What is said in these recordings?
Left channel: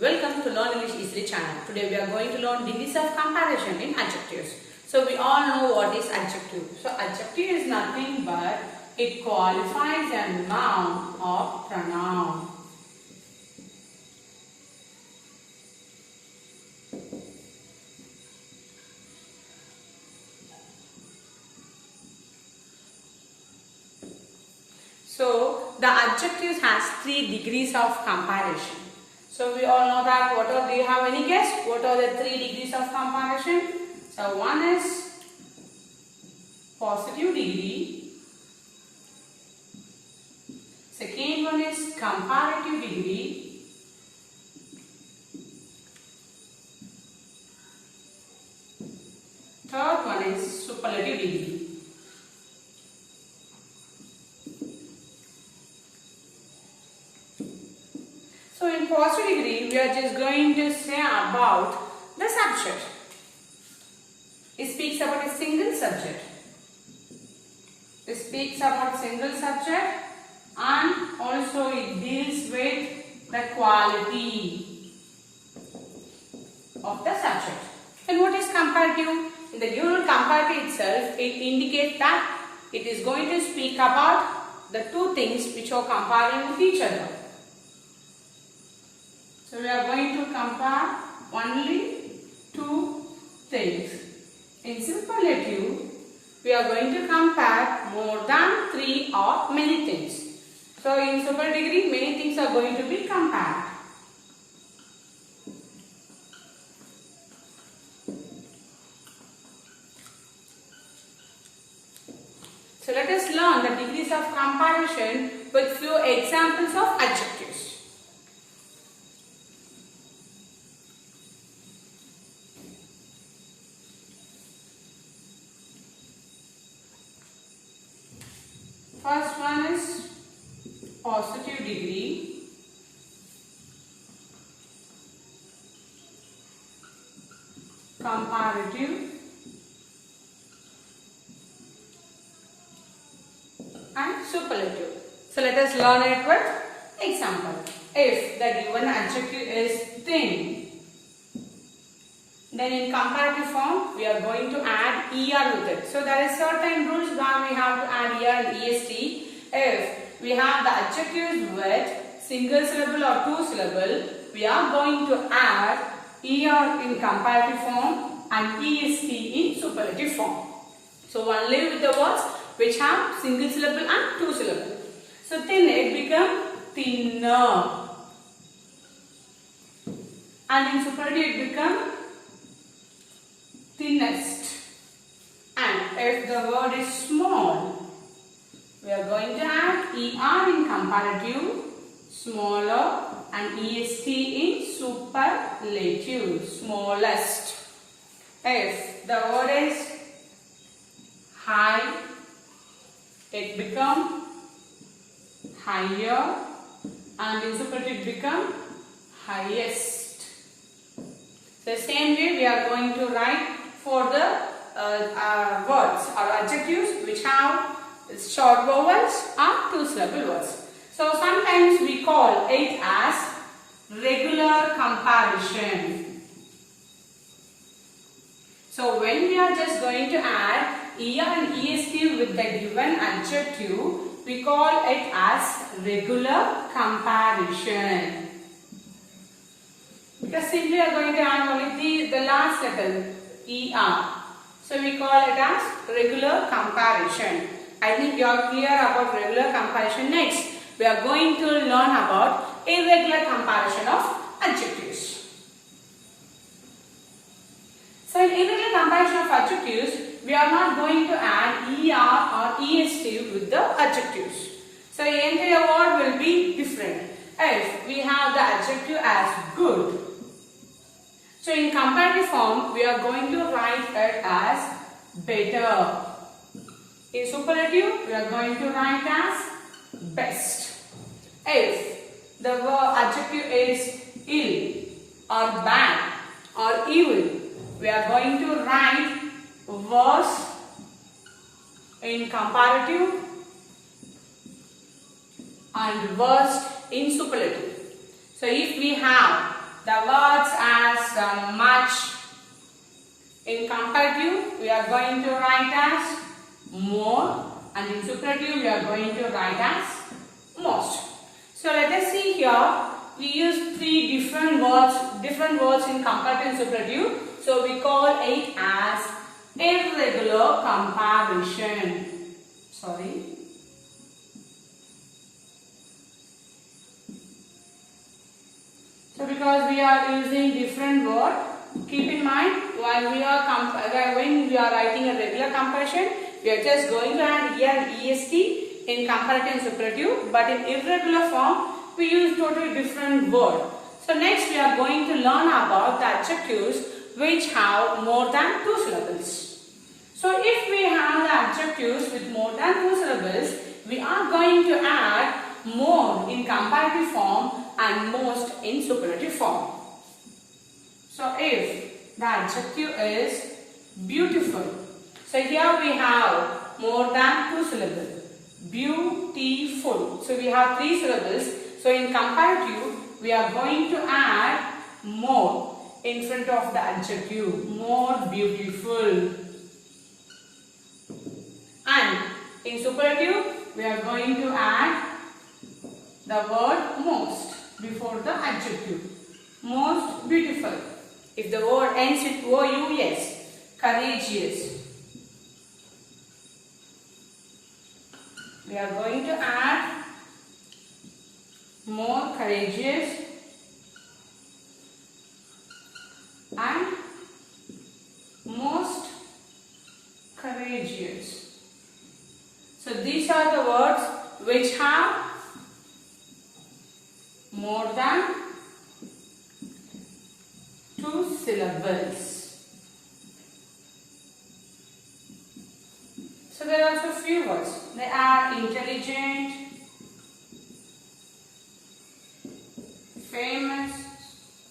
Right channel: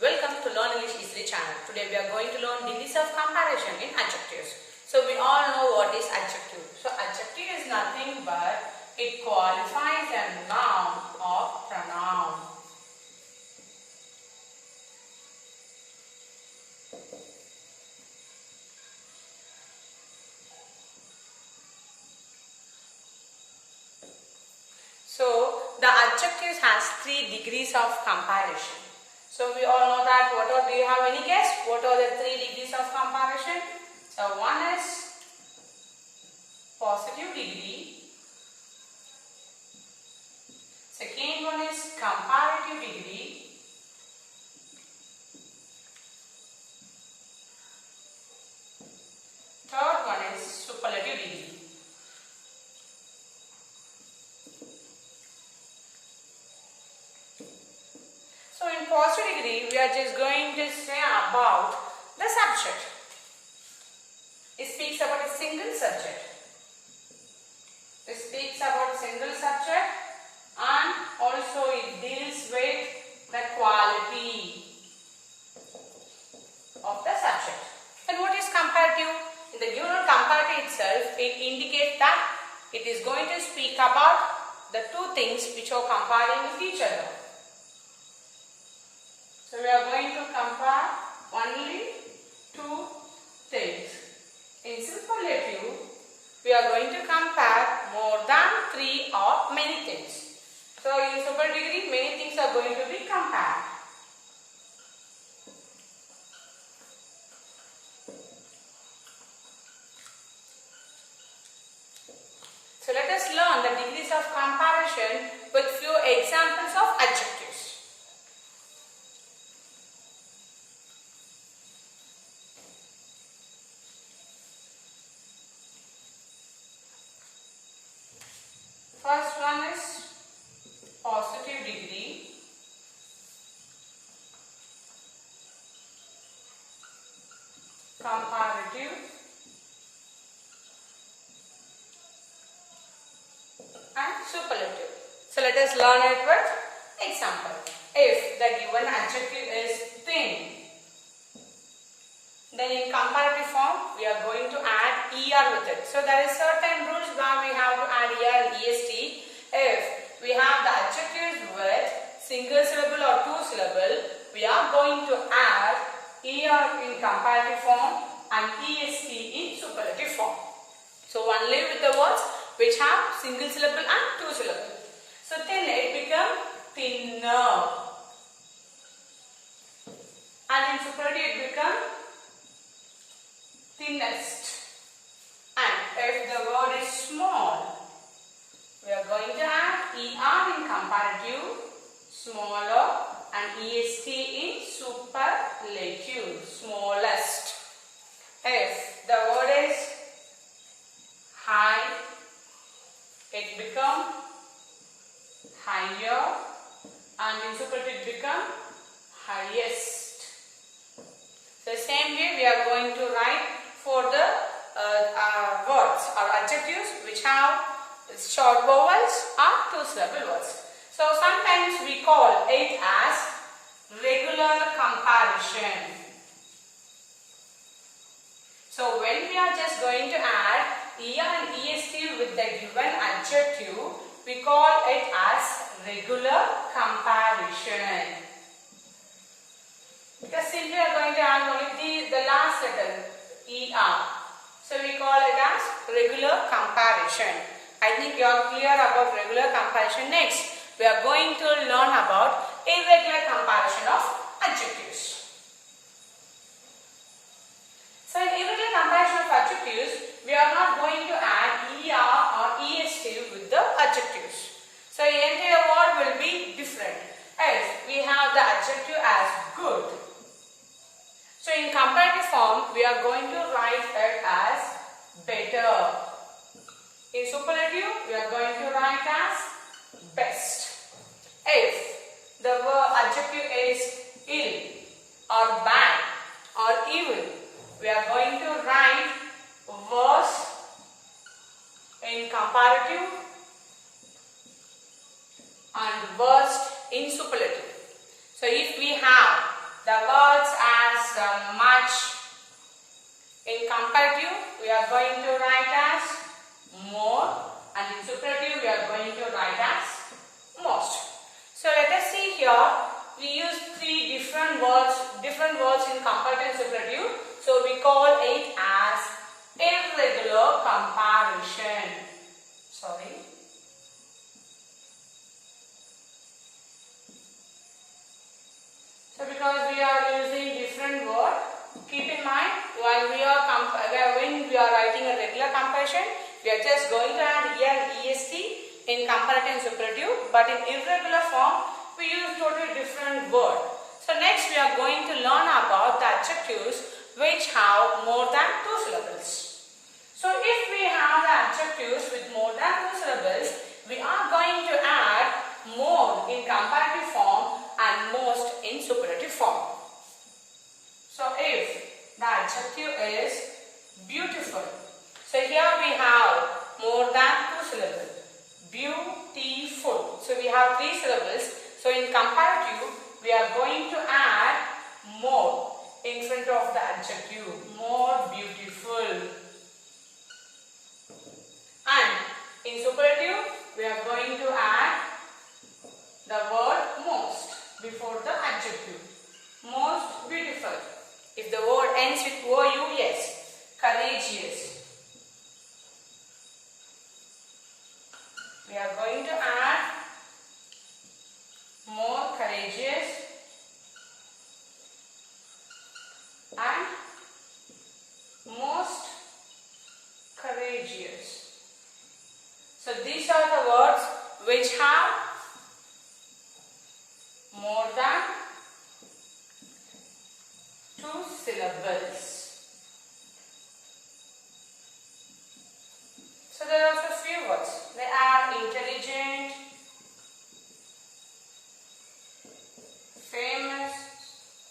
Welcome to Learn English Easily channel. Today we are going to learn degrees of comparison in adjectives. So we all know what is adjective. So adjective is nothing but it qualifies a noun or pronoun. So the adjectives has 3 degrees of comparison. So we all know that. Do you have any guess? What are the 3 degrees of comparison? So one is positive degree. Second one is comparative degree. Third one is superlative degree. So in positive degree, we are just going to say about the subject. It speaks about a single subject. It speaks about single subject and also it deals with the quality of the subject. And what is comparative? In the given comparative itself, it indicates that it is going to speak about the two things which are comparing with each other. So we are going to compare only two things. In superlative, we are going to compare more than 3 or many things. So in superlative degree, many things are going to be compared. So let us learn the degrees of comparison with few examples of adjectives. First one is positive degree. Comparative and superlative. So let us learn it with example. If the given adjective is thin, then in comparative form we are going to add er with it. So there is certain rules where we have to add er and est. If we have the adjectives with single syllable or 2 syllable, we are going to add er in comparative form and est in superlative form. So only with the words which have single syllable and 2 syllable. So thin, it becomes thinner, and in superlative it becomes thinnest. And if the word is small, we are going to add er in comparative, smaller, and est in superlative, smallest. If the word is high, it becomes higher, and in superlative it becomes highest. The same way we are going to write for the words or adjectives which have short vowels or 2 syllable words. So sometimes we call it as regular comparison. So when we are just going to add er and est with the given adjective, we call it as regular comparison. Because simply we are going to add only the last letter er. So we call it as regular comparison. I think you are clear about regular comparison. Next, we are going to learn about irregular comparison of adjectives. So in irregular comparison of adjectives, we are not going to add er or est with the adjectives. So the entire word will be different. If we have the adjective as good, so in comparative form, we are going to write it as better. In superlative, we are going to write as best. If the adjective is ill or bad or evil, we are going to write worse in comparative and worst in superlative. So if we have the words as much. In comparative, we are going to write as more, and in superlative, we are going to write as most. So let us see here. We use three different words in comparative and superlative. So we call it as irregular comparison. Sorry. So because we are using different word, keep in mind when we are writing a regular comparison, we are just going to add here est in comparative and superlative, but in irregular form we use totally different word. So next we are going to learn about the adjectives which have more than 2 syllables. So if we have the adjectives with more than 2 syllables, we are going to add more in comparative form and most in superlative form. So if the adjective is beautiful, so here we have more than 2 syllables. Beautiful. So we have 3 syllables. So in comparative, we are going to add more in front of the adjective. More beautiful. And in superlative, we are going to add the word most before the adjective. Most beautiful. If the word ends with OUS, courageous. We are going to add more courageous and most courageous. So these are the words which have more than 2 syllables. So there are also few words. They are intelligent, famous.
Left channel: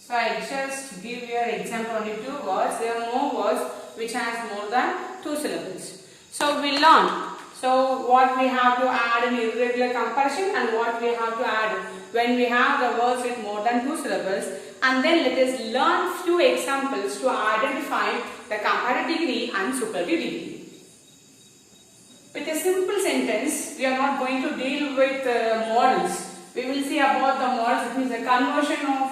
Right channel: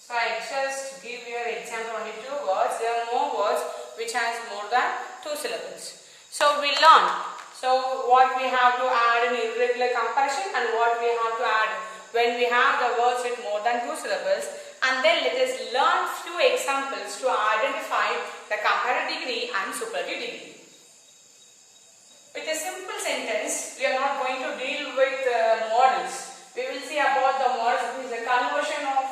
So I just give you an example, only 2 words. There are more words which has more than 2 syllables. So we learn. So what we have to add in irregular comparison and what we have to add when we have the words with more than 2 syllables. And then let us learn few examples to identify the comparative degree and superlative degree. With a simple sentence, we are not going to deal with models. We will see about the models, it means the conversion of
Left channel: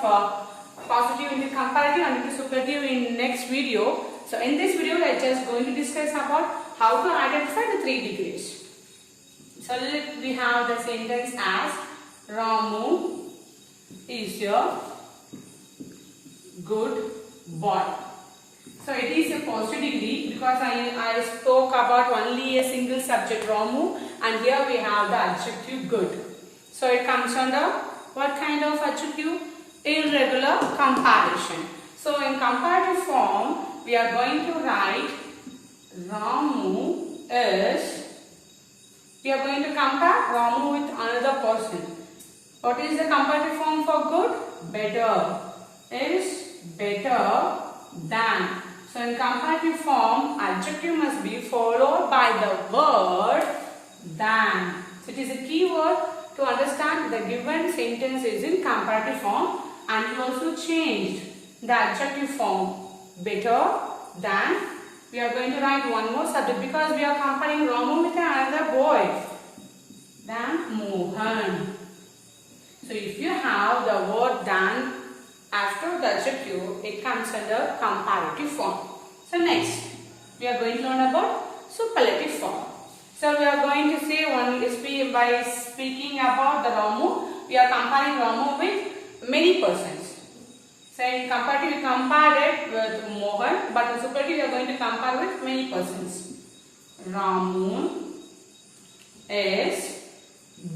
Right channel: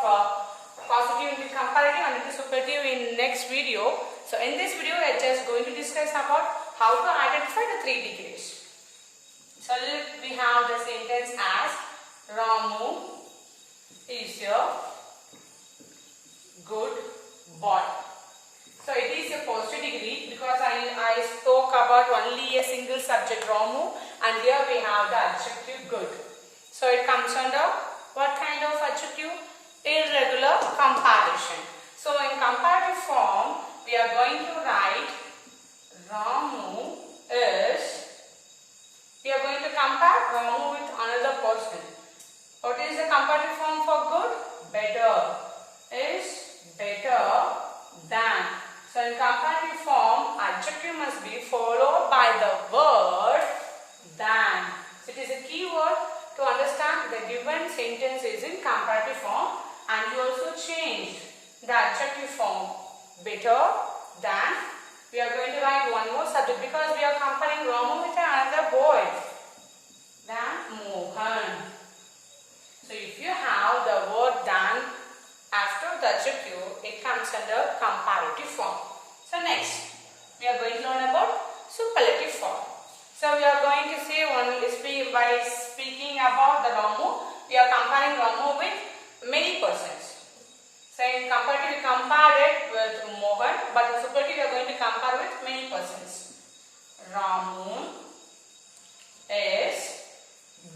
positive into comparative and into superlative in next video. So in this video, we are just going to discuss about how to identify the 3 degrees. So we have the sentence as Ramu is a good boy. So it is a positive degree because I spoke about only a single subject Ramu, and here we have the adjective good. So it comes under what kind of adjective? Irregular comparison. So in comparative form, we are going to write Ramu is, we are going to compare Ramu with another person. What is the comparative form for good? Better. Is better than. So in comparative form, adjective must be followed by the word than. So it is a key word to understand the given sentence is in comparative form, and you also changed the adjective form better than. We are going to write one more subject because we are comparing Ramu with another boy than Mohan. So if you have the word than after the adjective, it comes under comparative form. So next, we are going to learn about superlative form. So we are going to say by speaking about the Ramu, we are comparing Ramu with many persons. So in comparative, we compared it with Mohan, but in superlative, we are going to compare with many persons. Ramu is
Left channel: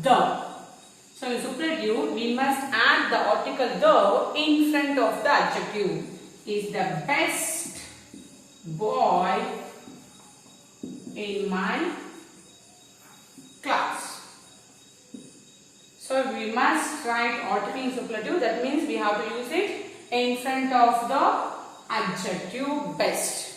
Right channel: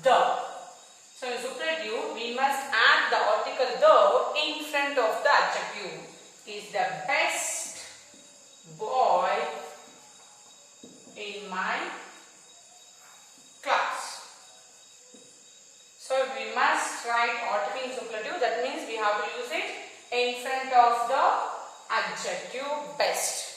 the. So in superlative, we must add the article the in front of the adjective. Is the best boy in my class. So we must write article in superlative. That means we have to use it in front of the adjective best.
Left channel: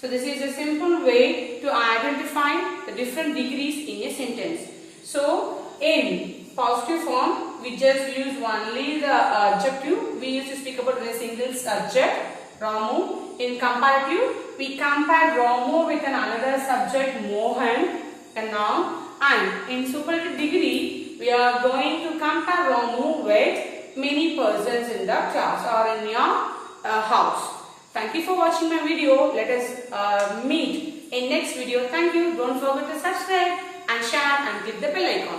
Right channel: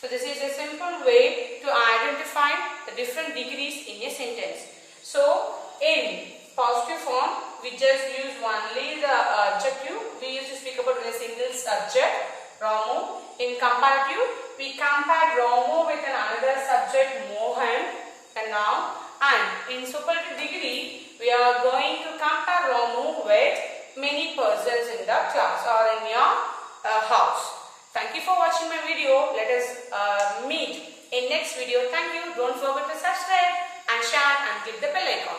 So this is a simple way to identify the different degrees in a sentence. So in positive form, we just use only the adjective. We used to speak about the single subject, Ramu. In comparative, we compare Ramu with another subject, Mohan, a noun. And in superlative degree, we are going to compare Ramu with many persons in the class or in your house. Thank you for watching my video. Let us meet in next video. Thank you. Don't forget to subscribe and share and click the bell icon.